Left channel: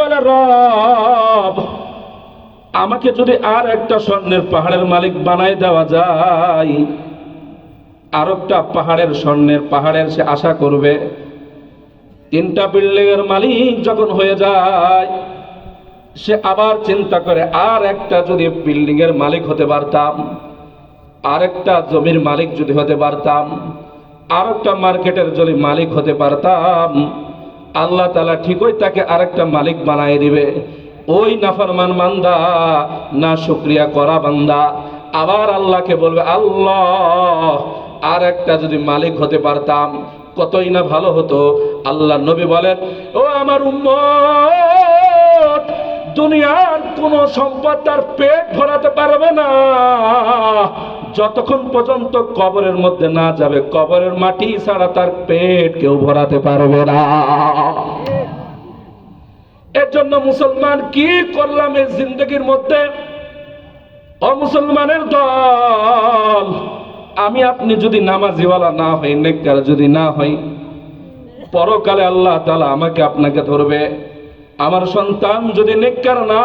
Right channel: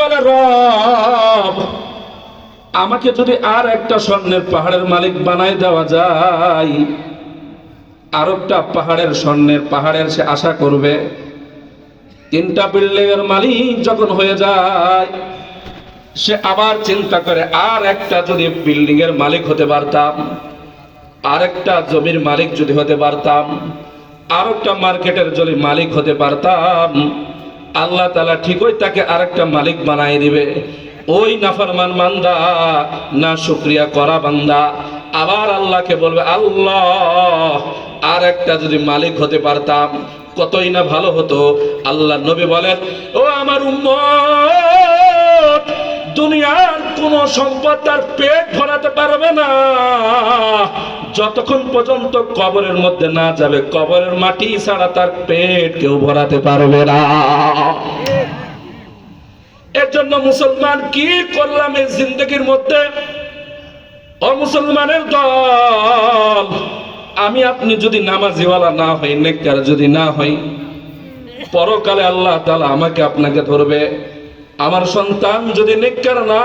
বলে, রব আমাকে যদি আর একটা স্বর্ণের পাহাড়ের মালিক বানাই দেওয়া যায়, আর একটা পাহাড়ের স্বর্ণের পাহাড়ের সে আশা করবে। 3টা বিল্ডিং এর মালিক যখন হয়ে যায়, সে আবার চিন্তা করে আর একটা যদি বিল্ডিং এর মালিক হতে পারতাম, আর একটা জমির মালিক যদি হতে পারতাম, আর একটা মার্কেটের যদি মালিক হতে পারতাম, আল্লাহ তাআলা ঠিকই তাকে আরেকটা মালিক বানাই দিবে। ওই নাফরমান বান্দা, না শুকরিয়া করা বান্দা, আবার আল্লাহকে বলবে, আল্লাহ আর একটা যদি মালিক হতে পারতাম কতই না ভালো হতো। আল্লাহ নবী বলেন, ও আমার উম্মত, দুনিয়ার কোন সম্পদ তার পেট ভরাতে পারবে না যতক্ষণ পর্যন্ত কবরের মধ্যে না যাবে। কবরের মাটি ছাড়া তার পেট কেউ ভরাতে পারবে না। এর জন্য মুসলমান কি করলাম এই জিন্দগির মধ্যে? ও মুসলমানের দল, আমি আপনি যদি নামাজিওয়ালা না হই, নেককার যদি না হই, পরকালে আল্লাহ তাআলা আমাকে আপনাকে ধরবে। আমার সন্তান যদি নেককার না